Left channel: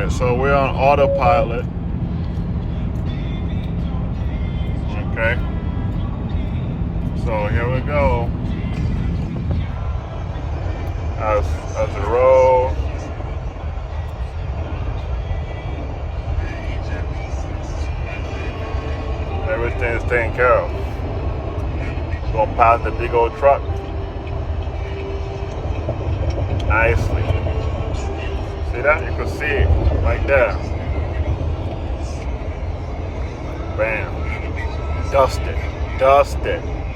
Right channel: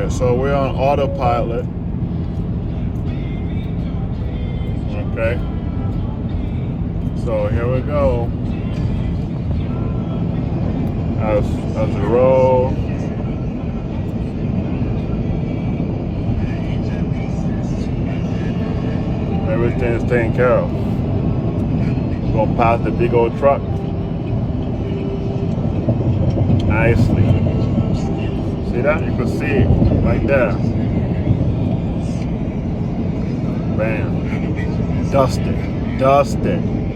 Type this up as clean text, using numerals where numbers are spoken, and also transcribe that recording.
Alright, so we're on autopilot. Okay. So here we go. As we roll. Everything is taken care of. We're gonna pass the big old truck nicely. See that? You can see it like that. Bam. Dusted.